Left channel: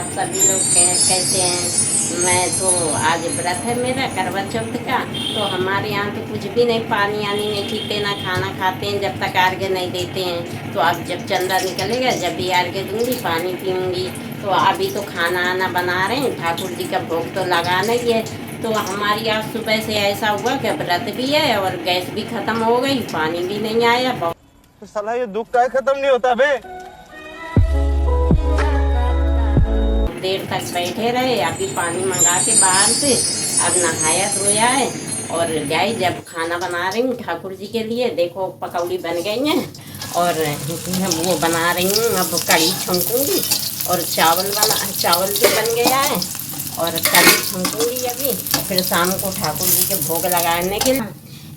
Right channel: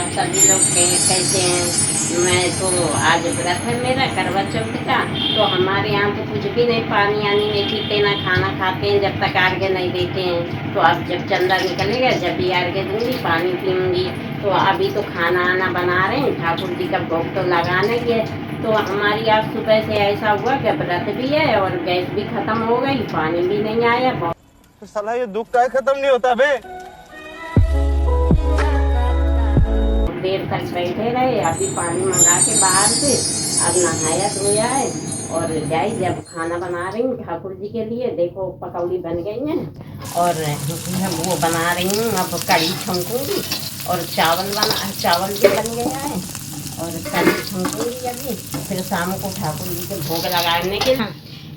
आप सभी लोग कैसे हैं। मैं तो आज व्रत है मेरा करवा चौथ का, तो हमारे यहाँ तो कुछ भी नहीं, पानी आनी नहीं पीते, ना खाना खाते हैं जब तक अर्घ्य नहीं देते हैं। तो अब जब चंदा निकलेगा जब भी अर्घ्य दूँगी, पानी पीऊँगी। तो अभी तो खाना आना बना रहे हैं, ठाकुर जी का भोग तो लगाना ही है। तो हमारी आज सुबह से ऐसा हुआ कि व्रत भी है और गैस भी खत्म हो गई, पानी भी नहीं आया। तो साला ये दुख का खत्म नहीं होता बे। देर तक बैठे रहे, अभी पानी मंगा के बाहर से अब नहाया धोया है और जाई जब खाना बना रही हूँ ठाकुर जी के लिए। देखो पकौड़ी बन गई हैं और वो बना रही हूँ, अब कढ़ी छौंकूंगी और चावल भी बन गया है और कढ़ी छौंकूंगी अभी। फिर शाम को ठाकुर जी के भोग लगाने के लिए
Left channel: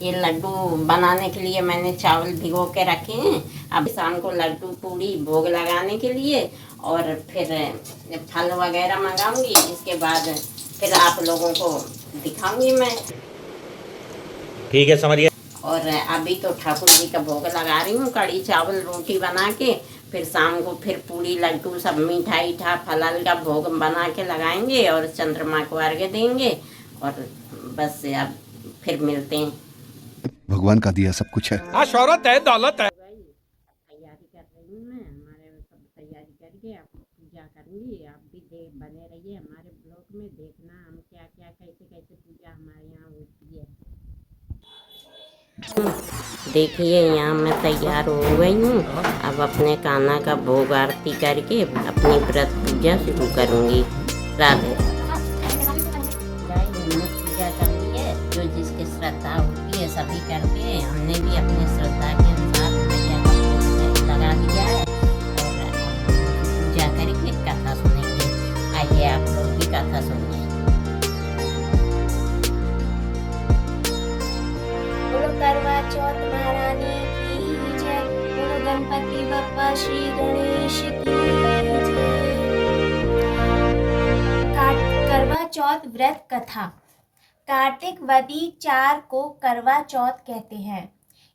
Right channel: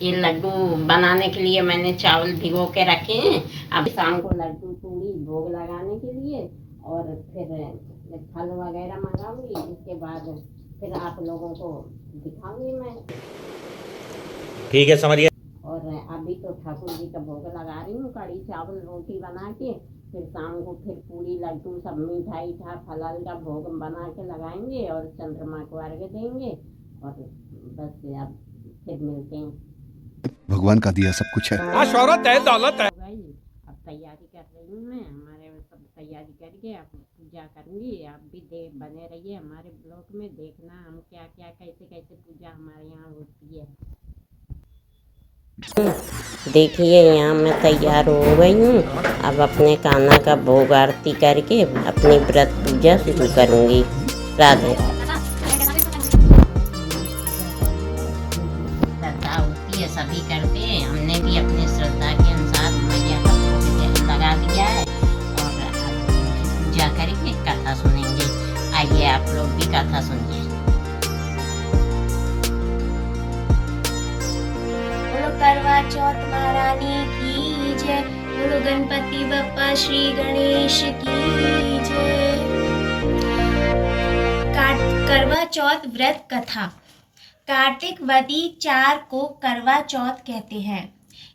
ये लड्डू बनाने के लिए मैंने चावल भिगो के रखे हैं। अब शाम को लड्डू पूड़ी भोग लगाने के लिए और फिर फल वगैरह मंगाऊंगी। इसके बाद फिर आप लोगों को दिखाऊंगी मैं। ठीक है, समझ गया। और अभी तो ठाकुर जी का भोग लगा रही हूँ, कढ़ी चावल रोटी बना के। फिर शाम को फिर पूड़ी लड्डू सब मिठाई ठा फल का भोग बना के लगाएंगे और चंद्रमा को अर्घ्य देंगे। और बस अब फिर मिलते हैं। भगवान का दिया सब कुछ है। हाँ, शौहरत है, दौलत है। अब तैयारी कर रही हूँ मैं, हमारे सब तैयारी करके अब पूजा करूँगी। आप भी बने रहिए हमारे ब्लॉग में, देखना हम क्या क्या कैसे कैसे पूजा हमारे यहाँ होती है। देखिए यहाँ मैं तैयार हो गई हूँ। अब अपने कान्हा का भोग आरती करके अपनी व्रत पूजा शुरू करूँगी। राधे सभी करते हैं, हमने भी अपनी श्रद्धा के अनुसार मैया का भोग लगा दिया है और पूजा करके कथा सुनेंगे। आइए आप लोग भी कथा सुनिए। बोलो करवा चौथ महारानी की जय। बोलो गणपति बप्पा श्री गणेश की जय। करवा चौथ व्रत कथा। कार्तिक वदी 4 को करवा चौथ कहते हैं।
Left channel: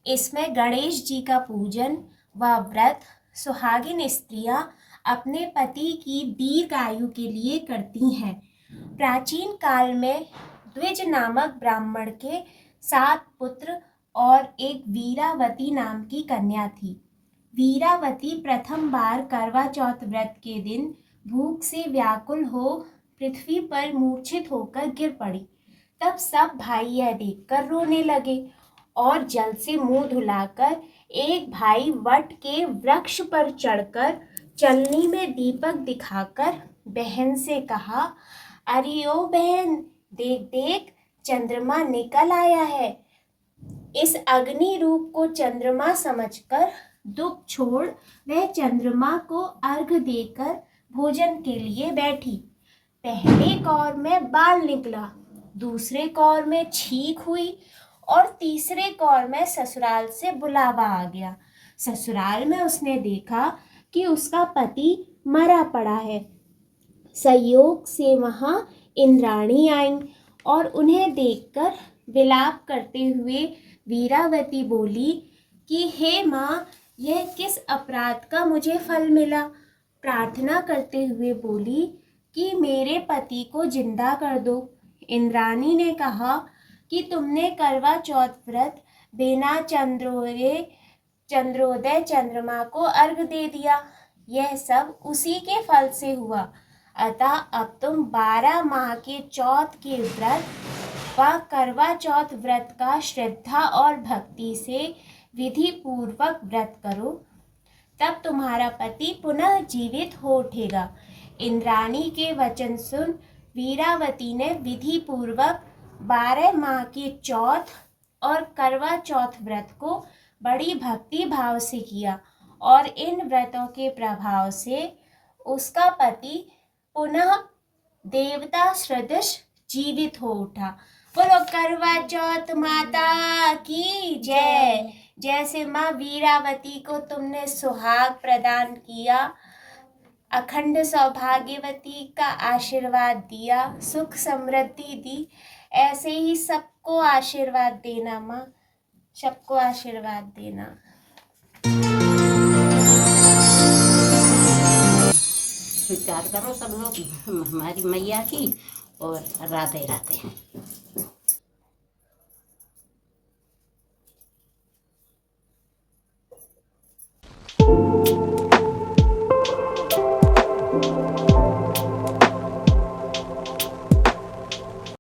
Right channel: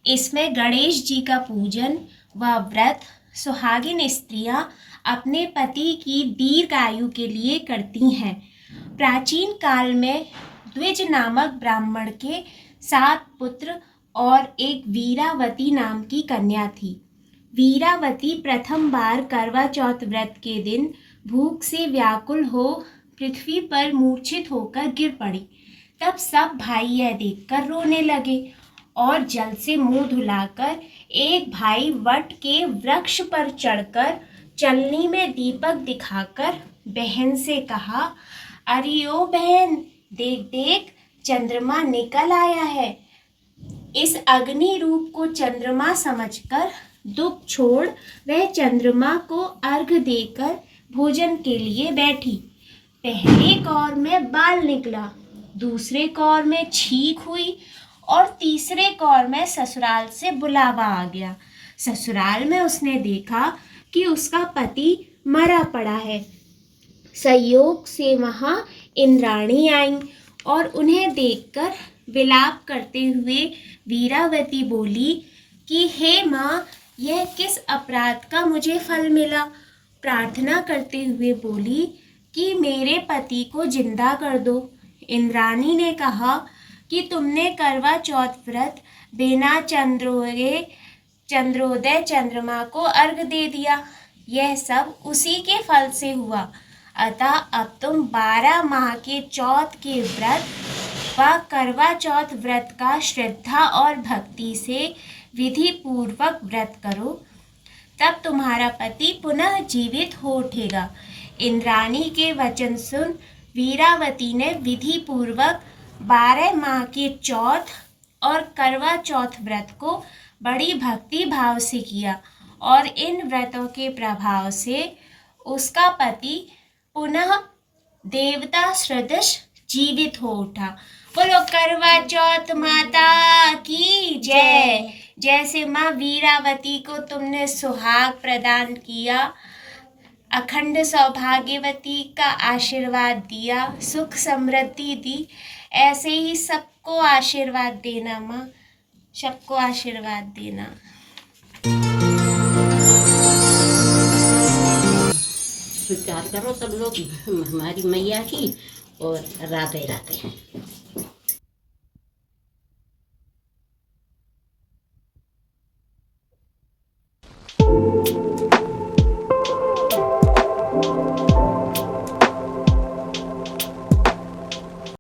इसमें गणेश जी का पूजन व व्रत सुहागिन स्त्रियां अपने पति की दीर्घायु के लिए करती हैं। प्राचीन काल में द्विज नामक ब्राह्मण के 7 पुत्र और एक वीरावती नाम की कन्या थी। वीरावती प्रथम बार करवा चौथ व्रत के दिन भूख से व्याकुल हो पृथ्वी पर मूर्छित होकर गिर पड़ी। तब सब भाई यह देखकर रोने लगे और जल से मुंह धुलाकर एक भाई वट के वृक्ष पर चढ़कर चलनी में दीपक दिखाकर बहन से कहा, अरे ओ बहन, देख देख चंद्रमा निकल आया है। इस अग्नि रूप को चंद्रमा समझकर दुख छोड़ वह चंद्रमा को अर्घ्य देकर भोजन के लिए बैठी। पहले कौर में बाल निकला, दूसरे कौर में छींक हुई और तीसरे कौर में ससुराल से बुलावा आ गया। ससुराल में उसने देखा कि उसका पति मरा पड़ा है। संयोग से वहाँ इंद्राणी आईं और उन्हें देखकर विलाप करते हुए वीरावती बोली कि हे माँ, यह किस अपराध का मुझे फल मिला। प्रार्थना करते हुए बोली कि मेरे पति को जिंदा कर दो। इंद्राणी ने कहा कि तुमने करवा चौथ व्रत बिना चंद्रोदय चंद्रमा को अर्घ दे दिया। यह सब उसी के फल से हुआ। अतः अब तुम 12 माह के चौथ के व्रत व करवा चौथ व्रत का श्रद्धा और भक्ति से विधि पूर्वक व्रत करो, तब तुम्हारा पति पुनः जीवित हो उठेगा। इंद्राणी के वचन सुन वीरावती ने विधि पूर्वक 12 माह के चौथ और करवा चौथ व्रत को बड़ी भक्ति भाव से किया और इन व्रतों के प्रभाव से उसका पति पुनः देवता सदृश जीवित हो उठा। बोलो करवा चौथ माता की जय। जैसे माँ वीरावती को तुमने सुहाग प्रदान किया, अखंड सौभाग्यवती का आशीर्वाद दिया, सुख समृद्धि दी, ऐसे ही सबको आशीर्वाद देना माँ, सबको आशीर्वाद देना। स्वीकार करो सब लोग हमारी मैया की, और राधे राधे।